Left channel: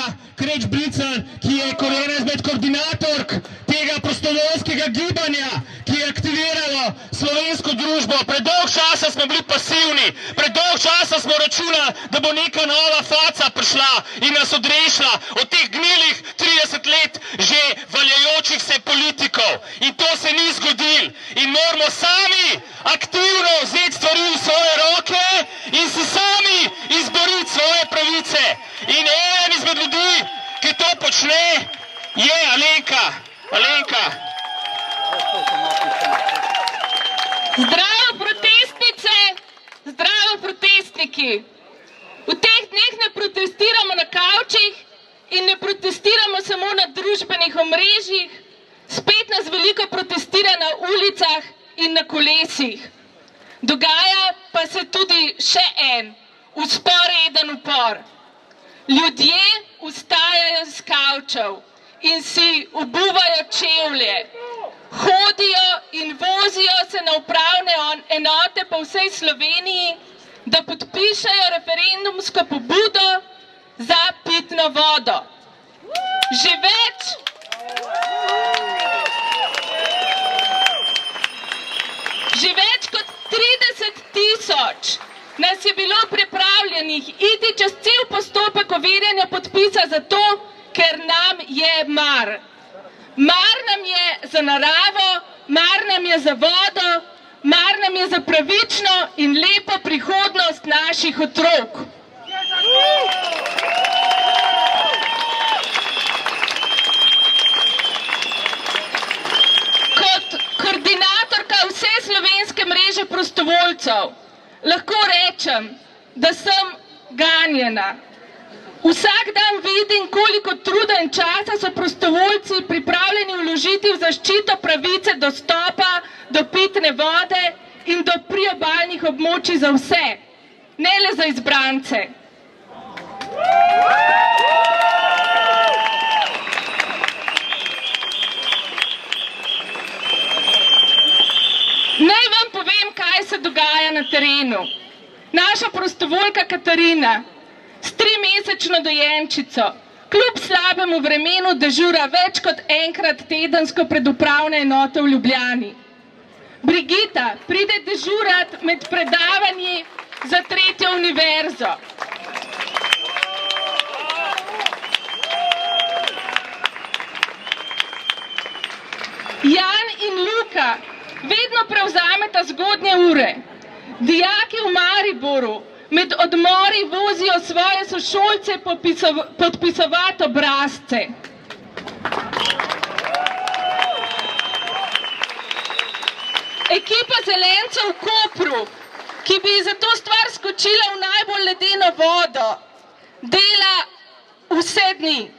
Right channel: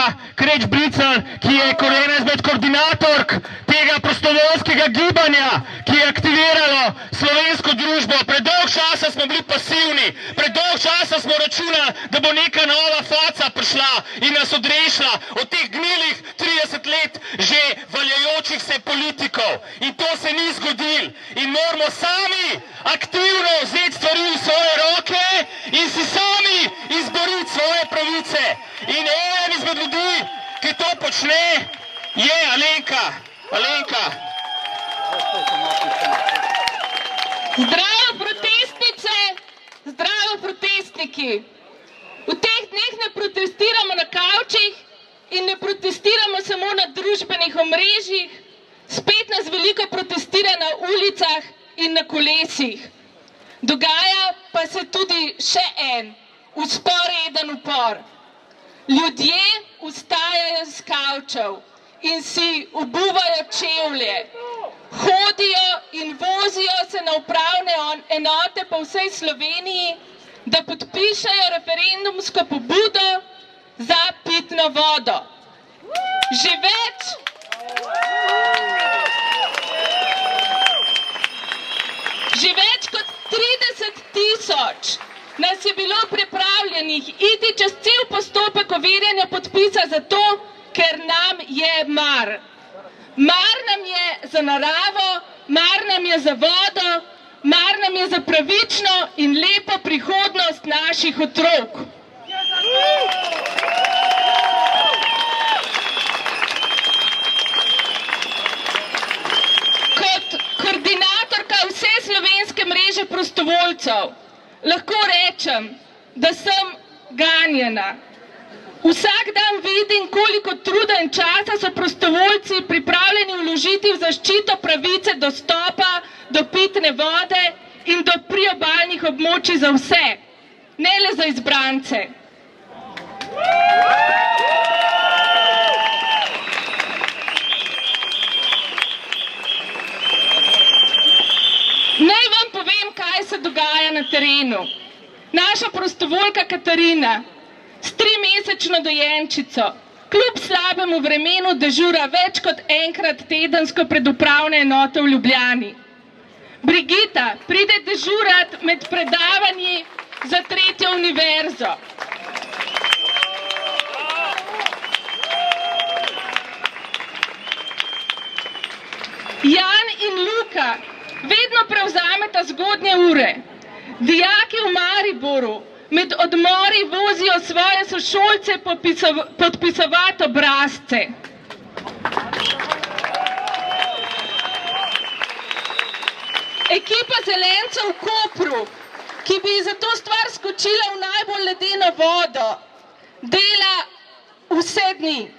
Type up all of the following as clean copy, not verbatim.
Alenka Kreč-Bricelj, ki je ena izmed koordinatork tega prostovoljskega gibanja, ki je aktiviralo slovensko družbo. Predolg časa smo bili pasivni, predolg časa smo računali, da bo neka nova faca prišla in nas odrešila od teh gnilih 30 let že valjajočih se politikov. In to se ni zgodilo. In moramo sami aktivno vzeti stvari v svoje roke in si sami izboriti svoje pravice. In eden izmed ljudi, ki to počne, je Alenka. Alenka. Zdravo protestnice, zdravo protestniki. V teh dneh ne protestiramo na kavčih in ne protestiramo samo na družbenih omrežjih, spet nas veliko protestira na ulicah in na kolesih. Dogaja pa se tudi še en vzporeden upor. Ljudje vstajajo z kavčev in si obuvajo čevlje, hodijo in vozijo se na upravne enote po vsej Sloveniji, da podpišejo referendumsko pobudo za pitno vodo. Že več kot 30.000 nas je bilo pripravljenih iti čez cel postopek overjanja podpisa zato, ker nam je mar. Mar nam je za naravo, mar nam je za vodo, mar nam je za pravično in lepo prihodnost naših otrok. Kot koordinatorka vse slovenske mreže prostovoljcev lahko rečem, da sem ganjena. Vsak dan vidim, koliko truda in časa so prostovoljci pripravljeni vložiti v zaščito pravice dostopa do pitne vode in do priobalnih območij za vse, ne le za izbrance. Naj vam povem, kaj se dogaja na terenu. Naša prostovoljka Katarina s 3-mesečno dojenčico kljub slabemu vremenu dežura več kot enkrat tedensko pred upravne enote v Ljubljani. Brigita pride dežurat med predavanji za 3. univerzo. Jan in Luka vedno prevzameta zgodnje ure. Dijaki v Mariboru med odmori vozijo svoje sošolce podpisovati obrazce. Ekipa zelencev v Kopru, ki bi za to stvar skočila v najbolj ledeno vodo, dela vse dni.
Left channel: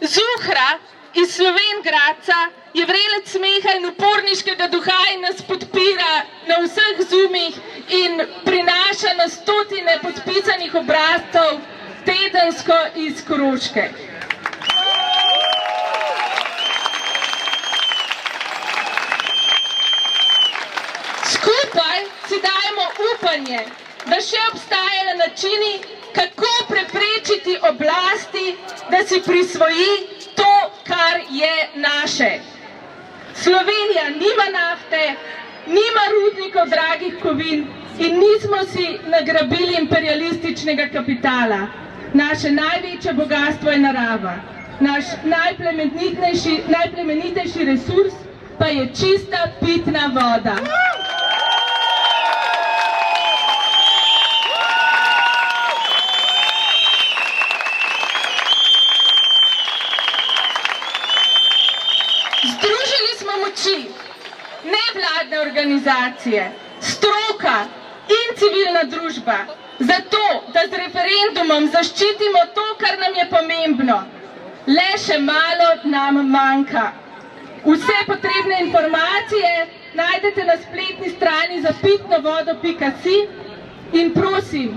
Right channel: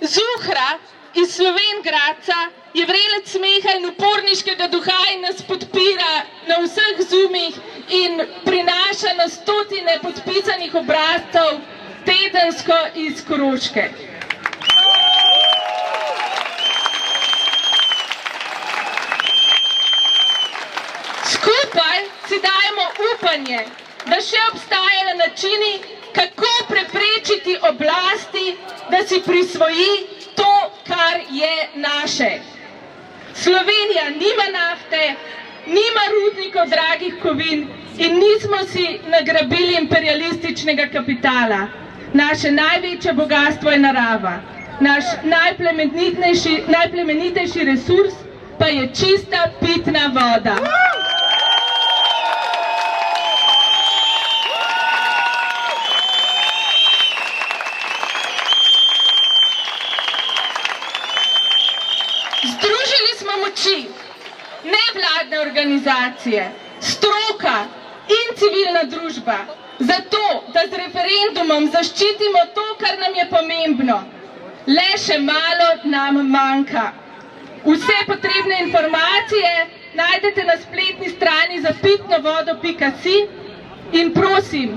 Zuhra iz Slovenj Gradca je vrelec smeha in uporniškega duha in nas podpira na vseh zoomih in prinaša na stotine podpisanih obrazcev tedensko iz Koroške. Skupaj si dajemo upanje, da še obstajajo načini, kako preprečiti oblasti, da si prisvoji to, kar je naše. Slovenija nima nafte, nima rudnikov dragih kovin in nismo si nagrabili imperialističnega kapitala. Naše največje bogastvo je narava. Naš najplemenitejši resurs pa je čista pitna voda. Združili smo moči, nevladne organizacije, stroka in civilna družba, zato, da z referendumom zaščitimo to, kar nam je pomembno. Le še malo nam manjka. Vse potrebne informacije najdete na spletni strani zapitnovodo.si in prosim,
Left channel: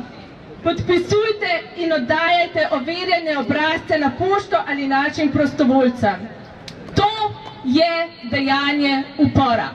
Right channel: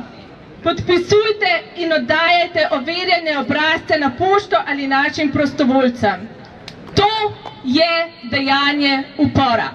podpisujte in oddajajte overjene obrazce na pošto ali našim prostovoljcem. To je dejanje upora.